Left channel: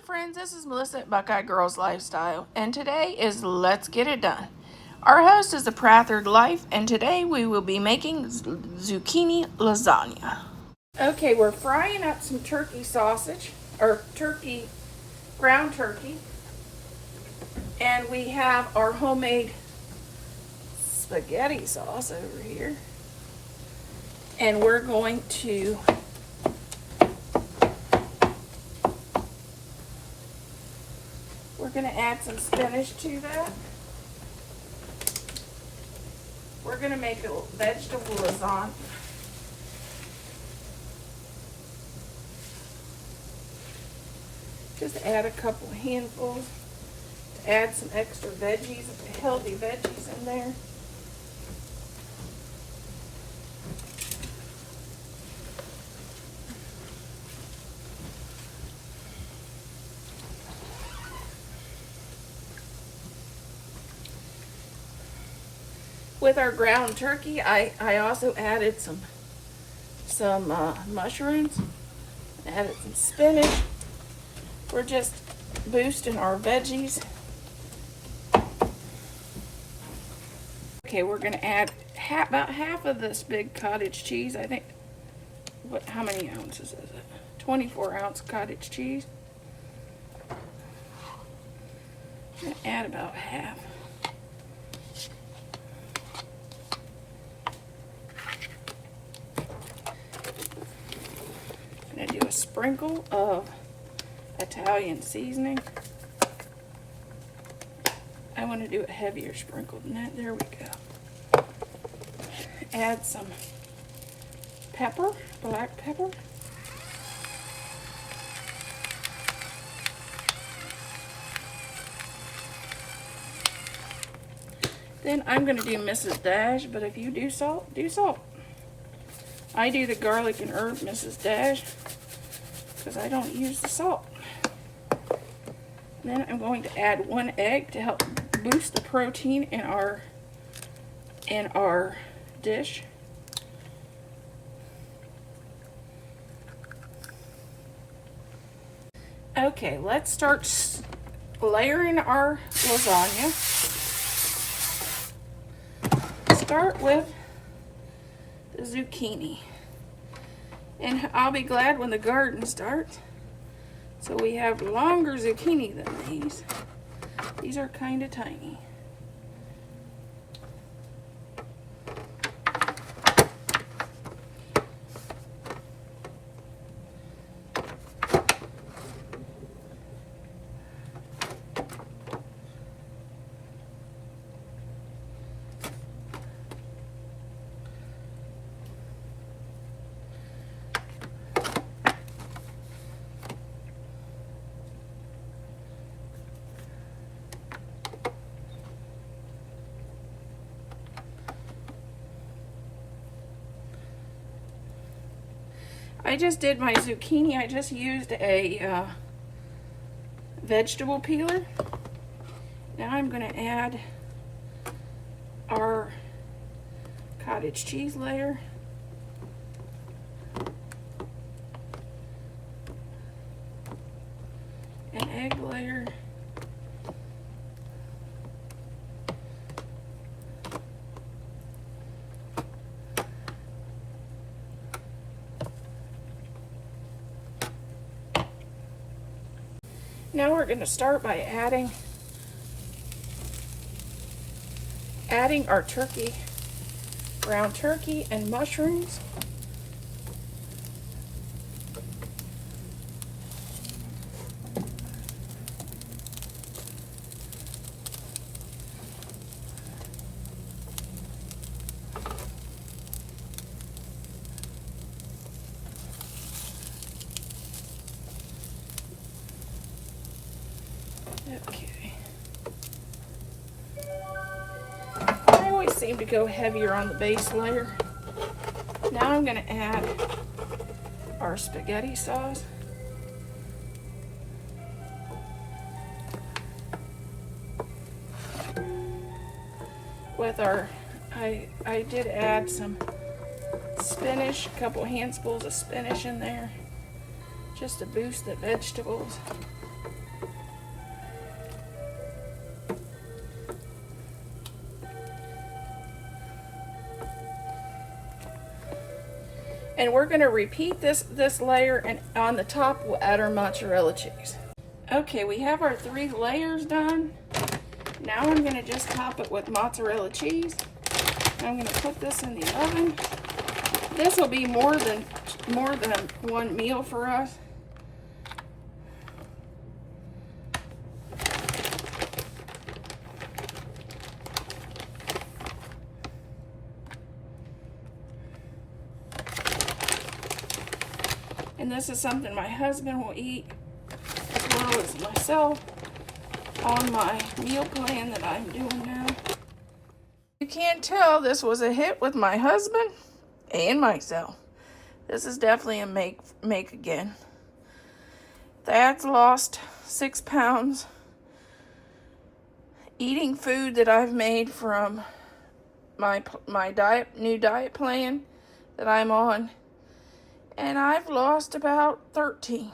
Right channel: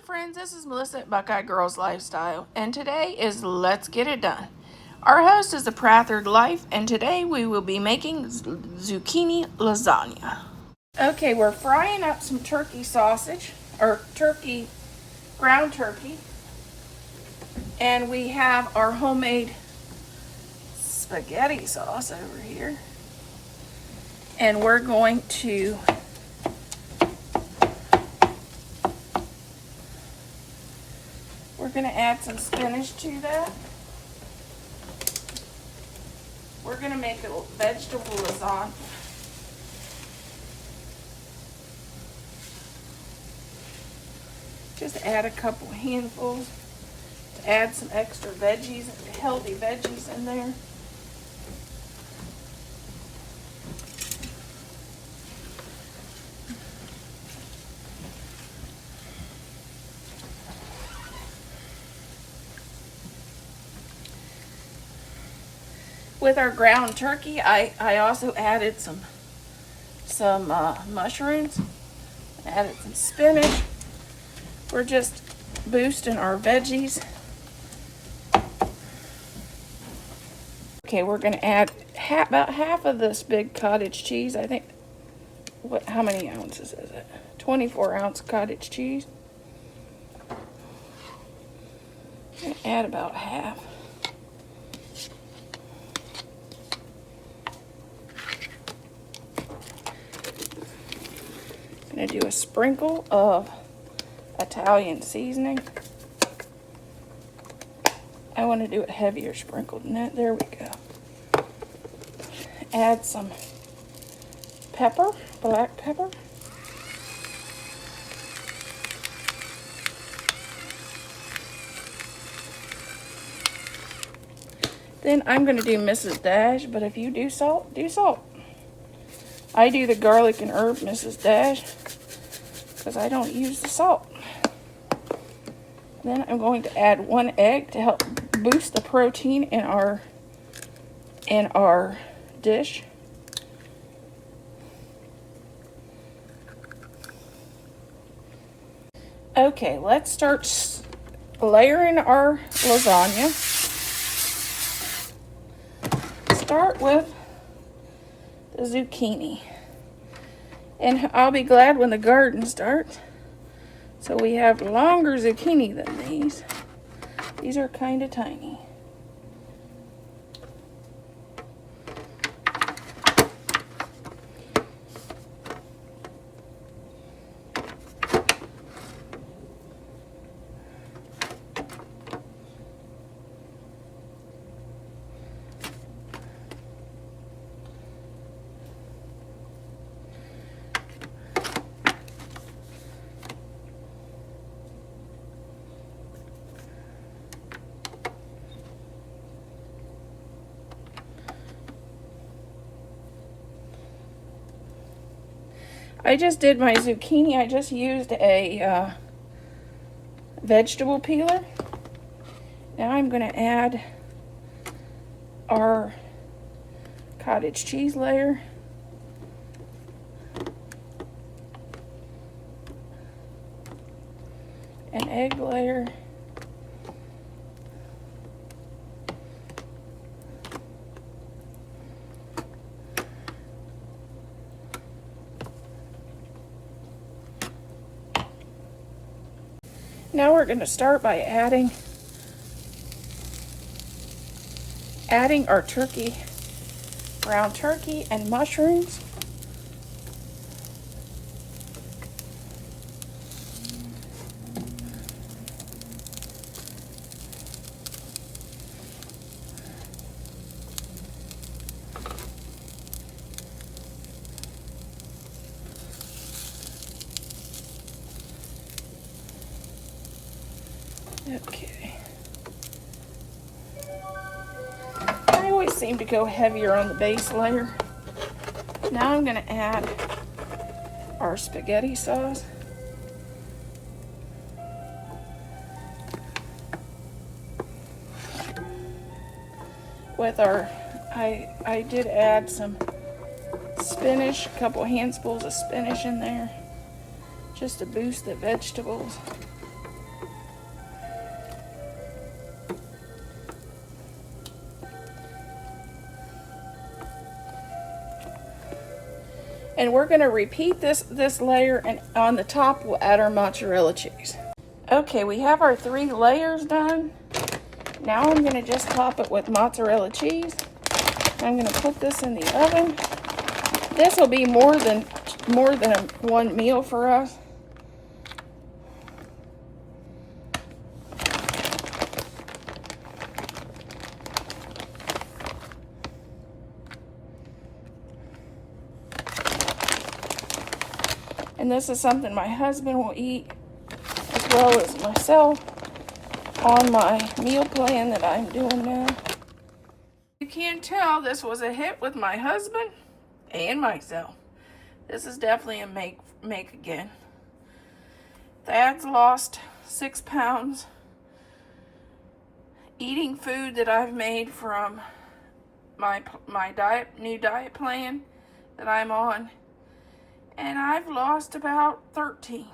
friends, this is Melissa at Buckeye Girls Lifestyle, and today is Let's Get It Done. Our host is the Prathered Life, and today we will be making zucchini lasagna. Okay, we're frying up some turkey sausage, or ground turkey, and we have our homemade spaghetti sauce over here, and we're going to add some spinach to that. We're going to make a vegetable lasagna. Just add a couple handfuls to add some extra veggies, healthy veggies in there. With our ground turkey, I also added some mushrooms, added some spinach. We're just boosting our veggies. Okay, we're going to add about half of this big cottage cheese. I think, how many ounces is it? 24-ounce cottage cheese. I'm going to add about half. I'm going to do a sprinkle of Italian seasoning. I want to do it heavier sprinkled than that. There we go. Add some pepper, black pepper. Then I'm going to do Mrs. Dash, but if you do salt, do salt. I do the garlic and herb Mrs. Dash because I don't use the salt. Then I'm going to add 1 egg to help boost the protein in our dish. Okay, let's start layering our lasagna. Start with the zucchini. And I'll be glad when the garden starts. So we have longer zucchini than these. These are kind of tiny. I just did my zucchini. I just used a vegetable peeler. Now I'm going to add our cottage cheese layer. An egg layer. Now we're going to start by adding our ground turkey and mushrooms. Okay. I always seem to go heavier on the base layer. Now I'm going to add our spaghetti sauce. With I did add some spinach, a couple handfuls of spinach in there, just to boost the vegetables. And we're going to repeat this layer, and on the top we'll add our mozzarella cheese. Okay, we have our 3 layers done. Now I'm going to just top it with mozzarella cheese. I'm going to put this in the oven. This will be more than one meal for us. And this is something my husband will eat, as well as myself, on my meal plan that I'm doing now. You can't tell this was a hit with my husband and myself. This is definitely a make again. Thad's lost 6 pounds eating food that I've made from my new diet plan that I'm on. And I've lost about 13.